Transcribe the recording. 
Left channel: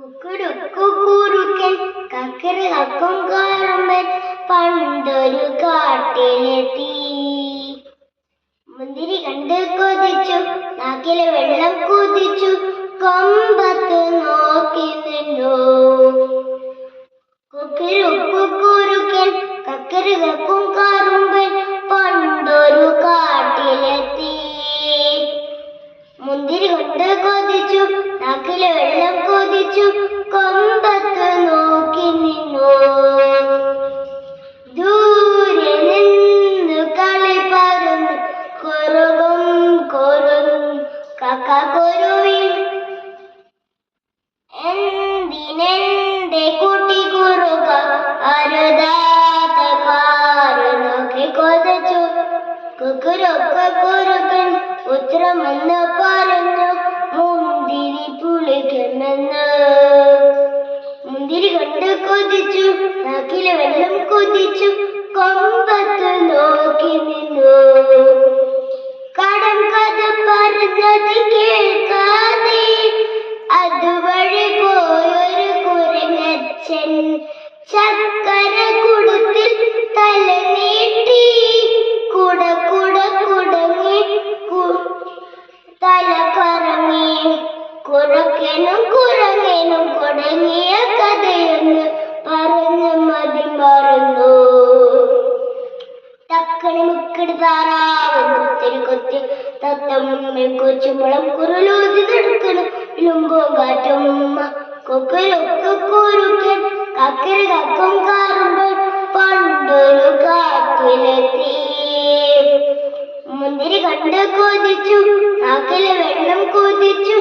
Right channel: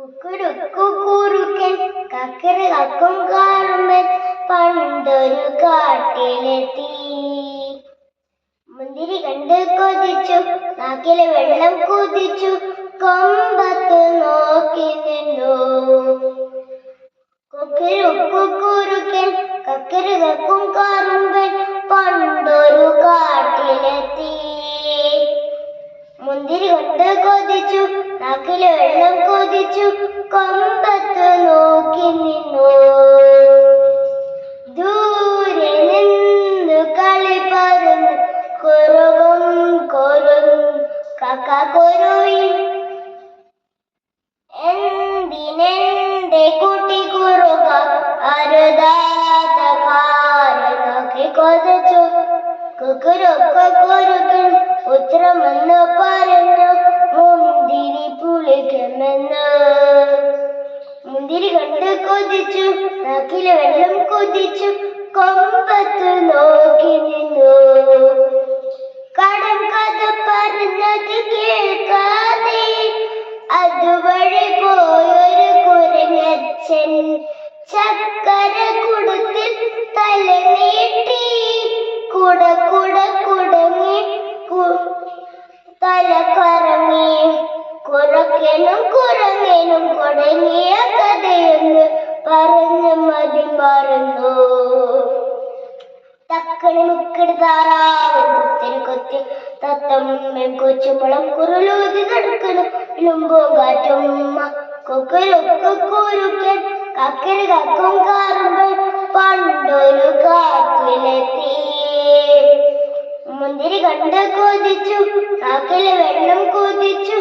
കുക്കുരുക്കുറുക്കൻ കക്കരകക്കും കാറുമ്പൻ പണ്ടൊരു കാട്ടിലെത്തി. മുന്തിരി കണ്ട് കൊതിച്ചു, നാക്കിലെ വെള്ളം കുതിച്ചു, കൊമ്പത്ത് നോക്കി നിന്നു. കുക്കുരുക്കുറുക്കൻ കക്കരകക്കും കാറുമ്പൻ പണ്ടൊരു കാട്ടിലെത്തി. മുന്തിരി കൊണ്ട് കൊതിച്ചു, നാക്കിലെ വെള്ളം കൊതിച്ചു, കൊമ്പത്ത് നോക്കി നിന്നു. ദൂരെ നിന്ന് കളി പറന്നു കുറുകും കുറുകും കക്കക്കുരുവി. എന്തിനെന്റെ കുട്ടി കുറുക അരുതാത്ത കാറ് നോക്കി കൊതിച്ചു. കുക്കുരുക്കുറുക്കൻ ഉത്തരമെന്ന് പറഞ്ഞു, മുന്തിരി പുളിക്കുമെന്ന്. മുന്തിരി കണ്ട് കൊതിച്ചു, നാക്കിലെ വെള്ളം കൊതിച്ചു, കൊമ്പത്ത് നോക്കി നിന്നു. കടം കഥ പറഞ്ഞത് കേൾക്കാതെ അതുവഴി പോയൊരു കുരങ്ങച്ചൻ ചക്കര കുടത്തിൽ തല നീട്ടി. കുടങ്ങി തല കറങ്ങി. കുറുക്കനും കുരങ്ങനും കുടങ്ങിയ കഥയൊന്ന് പറഞ്ഞ് മതി മറന്നു. തക്കണി മുക്കടി താറാവ് കുത്തിരി കൊത്തി തത്തമ്മ കൊച്ചുമുളം കുരുളൂതി നടക്കണം ലുമ്പൂങ്കാറ്റുമ്മ. കുക്കുരുക്കുറുക്കൻ കക്കരകക്കും കാറുമ്പൻ പണ്ടൊരു കാട്ടിലെത്തി. മുന്തിരി കണ്ട് കൊതിച്ചു, നാക്കിലെ വെള്ളം കൊതിച്ചു,